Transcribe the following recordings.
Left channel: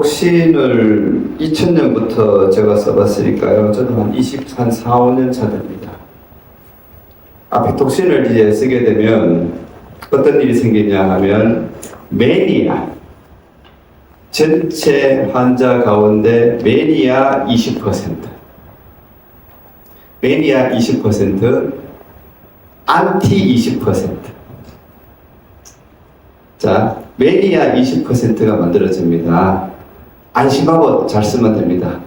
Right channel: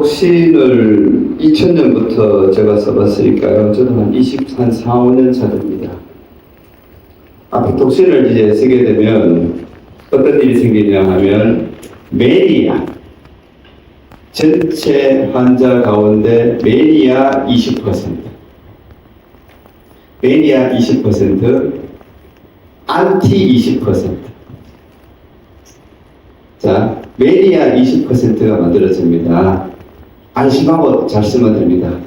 아피톡신을 2000년부터 제가 써봤으니까요. 저도 한 4, 5년 차 됩니다. 아피톡신을 이제 쓰게 되면 어떤 일이 생기냐 하면 매니아, 전체 환자 가운데 매니아 20%, 매니아 20%, 안티 20%. 자, 매니아 20%가 만들어집니다. 안심하고 잘 쓰면 됩니다.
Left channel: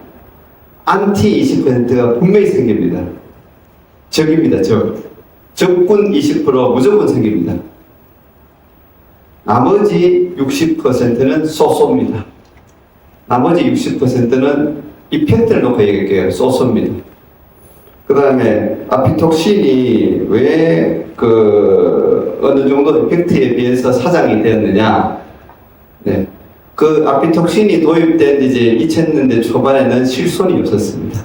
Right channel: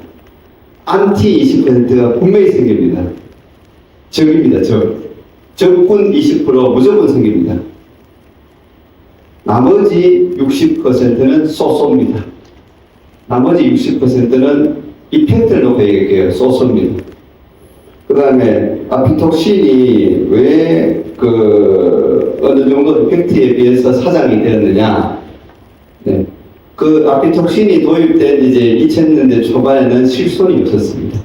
안티 20%가 분명히 생깁니다. 적입니다, 적. 적군 20% 무조건 생깁니다. 나머지 60%는 소소입니다. 나머지 60%는 이펙트를 놓고 얘기할게요. 소소입니다. 그 다음에 아피톡신이 왜 어느 정도 이펙트에 비해서 사장이 되었느냐. 네. 그 아피톡신이 도입된 이제 2000년대 초반에는 실손이 없었습니다.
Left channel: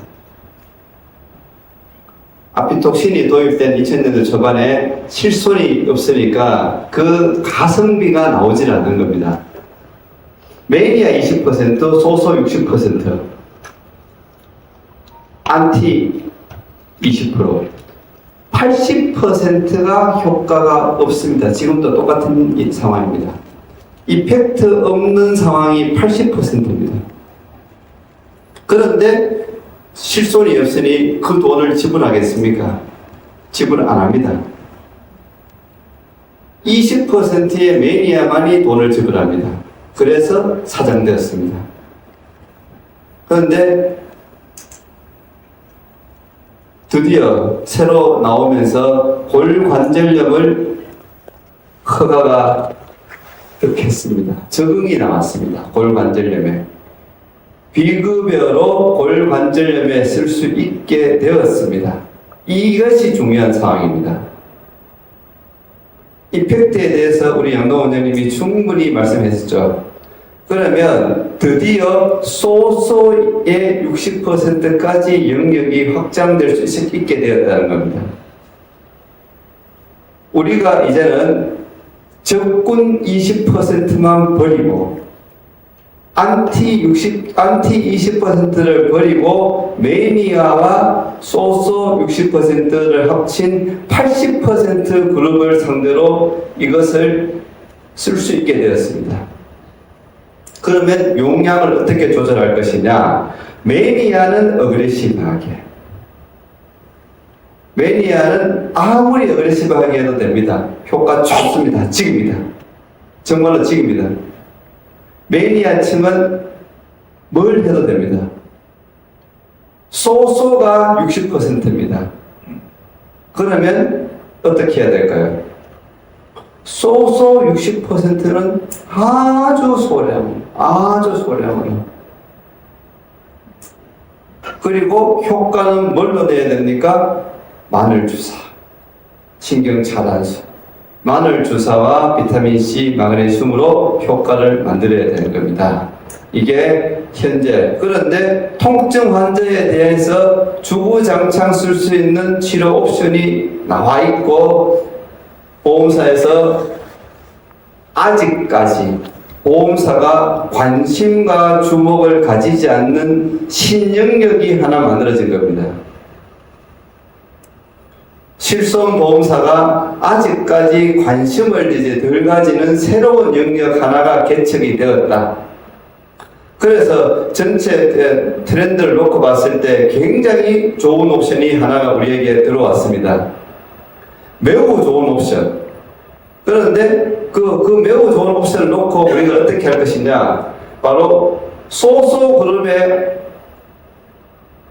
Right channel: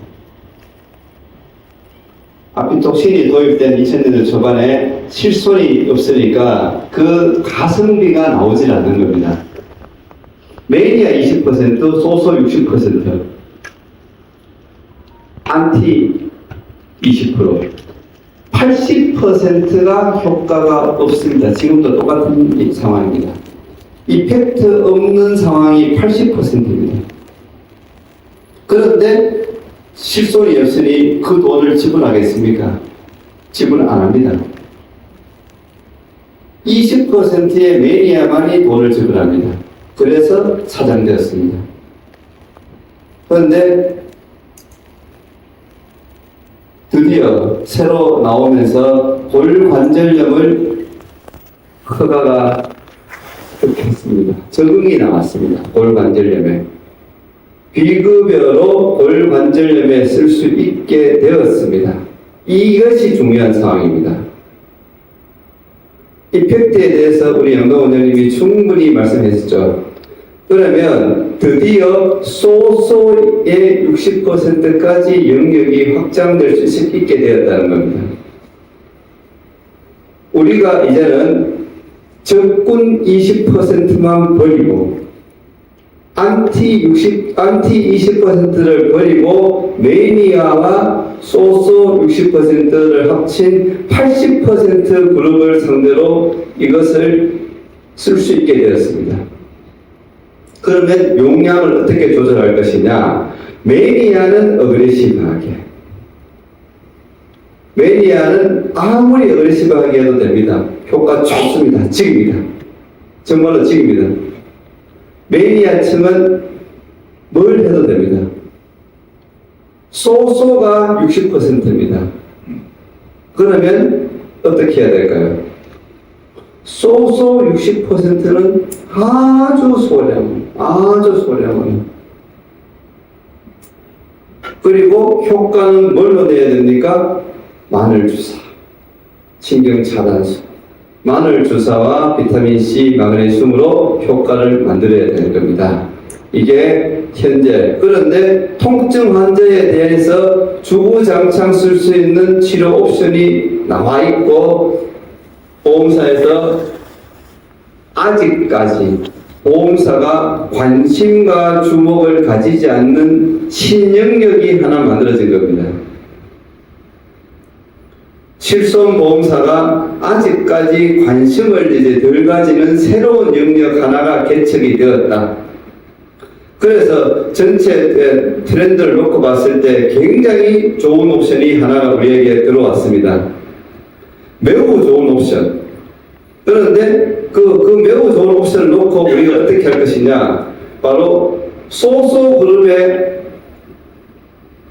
아피톡신이 도입된 2000년대 초반에 실손이 없으니까 그 가성비가 나오질 않는 겁니다. 매니아 20%, 소소 60%, 안티 20%, 80%가 효과가 없습니다. 지금도 똑같은 상황입니다. 이펙트 없는 상황이 80%입니다. 그런데 실손이 없으니 그 돈을 지불하겠습니까? 지불 안 합니다. 20%의 매니아만이 돈을 지불합니다. 그래서 사장되었습니다. 그런데 드디어 새로 나오면서 골관절염을 허가가 됐습니다. 적응이 나왔습니다. 골관절염에. 비급여로 골관절염에 쓸 수 있게 되었습니다. 이것이 중요한 상황입니다. 이펙트에 대해서 우리 양동 원장님이 충분히 말씀하셨죠. 그러면 드디어 소소의 60%까지 영역이 확장될 수 있게 되었다는 겁니다. 우리가 이제는 적군 20%만 버리고 안티 20%를 버리고 매니아와 소소 60%를 합친 80% 그룹을 상대로 이것을 쓸 수 있게 되었습니다. 그러면 용량을 어떻게 조절할 것이냐? 매니아는 어그레시브하게, 매니아는 아무리 어그레시브하게 해도 됩니다. 효과 좋습니다. 찍입니다. 정말로 찍입니다. 매니아층은 뭘 해도 됩니다. 소소가 60%입니다. 그러면 어떻게 해야 될까요? 소소 60%는 아주 소량으로. 그리고 효과는 뭘로 내야 됩니까? 마늘주사, 신경차단수, 마늘주사와 비타민C, 마그네슘으로 효과를 만들어야 되는 겁니다. 이게 현재. 그런데 통증 환자에 대해서 주구장창 쓸 수 있는 치료 옵션이 나와 있고 보험사에서 아직까지 보험사가 관심과 주목을 가지지 않는 신영역이 하나 만들어진 겁니다. 실손보험사가 아직까지 관심을 이제 덜 가지는 새로운 영역 하나가 개척이 되었다. 그래서 전체 트렌드를 놓고 봤을 때 굉장히 좋은 옵션이 하나가 우리에게 들어왔습니다. 매우 좋은 옵션. 그런데 그 매우 좋은 옵션을 놓고 우리가 어떻게 할 것이냐? 바로 소소 그룹의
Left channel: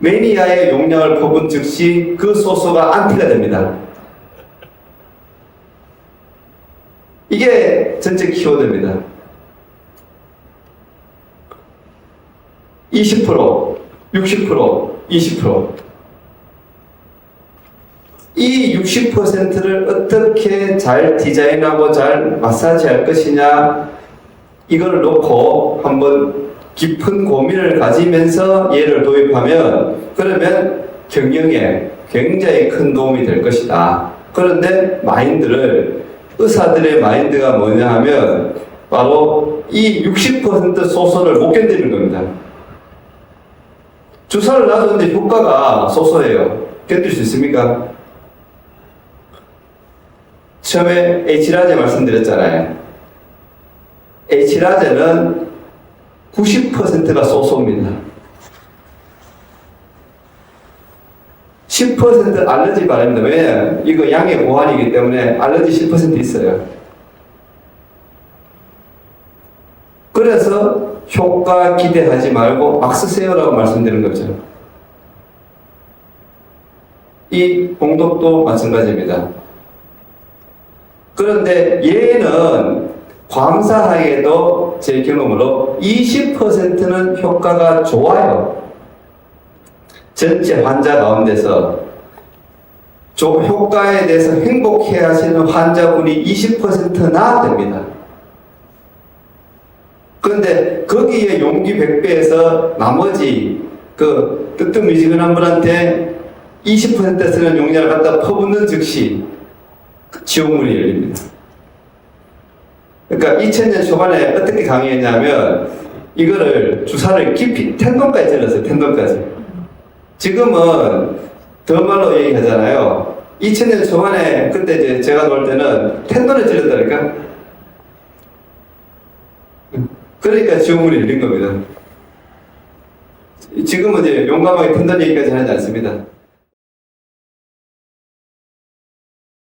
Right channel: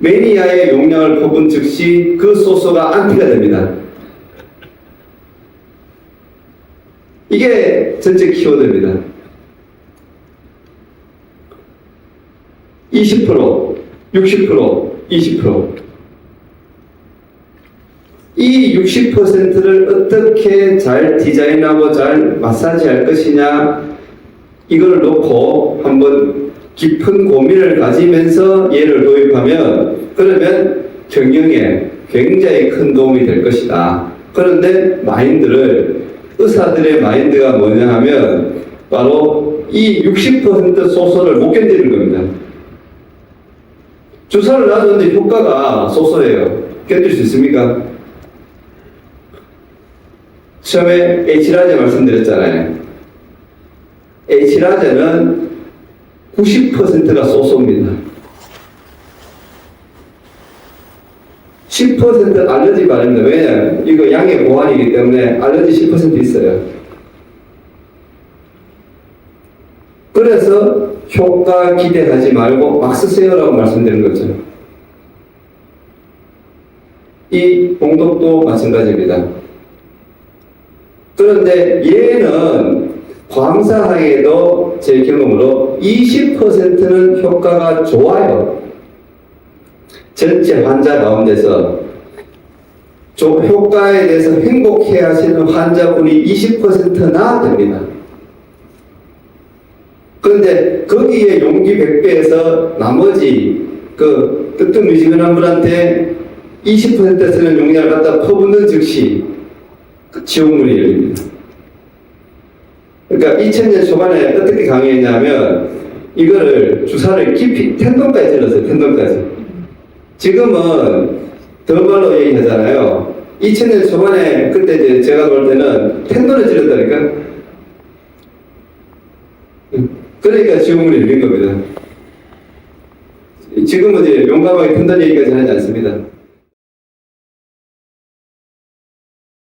매니아의 용량을 퍼본 즉시 그 소소가 안티가 됩니다. 이게 전체 키워드입니다. 20%, 60%, 20%. 이 60%를 어떻게 잘 디자인하고 잘 마사지할 것이냐, 이걸 놓고 한번 깊은 고민을 가지면서 얘를 도입하면, 그러면 경영에 굉장히 큰 도움이 될 것이다. 그런데 의사들의 마인드가 뭐냐 하면 바로 이 60% 소소를 못 견디는 겁니다. 주사를 놔줬는데 효과가 소소해요. 견딜 수 있습니까? 처음에 H라제 말씀드렸잖아요. H라제는 90%가 소소입니다. 10% 알러지 바랍니다. 왜냐하면 이거 양의 보완이기 때문에 알러지 10% 있어요. 그래서 효과 기대하지 말고 막 쓰세요라고 말씀드리는 거죠. 이 봉독도 마찬가지입니다. 그런데 얘는 광사항에도 제 경험으로 20%는 효과가 좋아요. 전체 환자 가운데서 효과에 대해서 행복해 하시는 환자분이 20%나 됩니다. 그런데 거기에 용기 100배에서 나머지 그 뜨뜻미지근한 분한테 20% 쓰는 용량을 갖다 퍼붓는 즉시 지옥문이 열립니다. 그러니까 2000년 초반에 어떻게 강의했냐면 이거를 주사를 깊이 텐동까지 찔렀어요. 텐동까지. 지금은 더 말로 얘기하잖아요. 2000년 초반에 그때 이제 제가 볼 때는 텐동을 찔렀다니까. 그러니까 지옥문이 열린 겁니다. 지금은 이제 용감하게 텐동 얘기까지 하지 않습니다.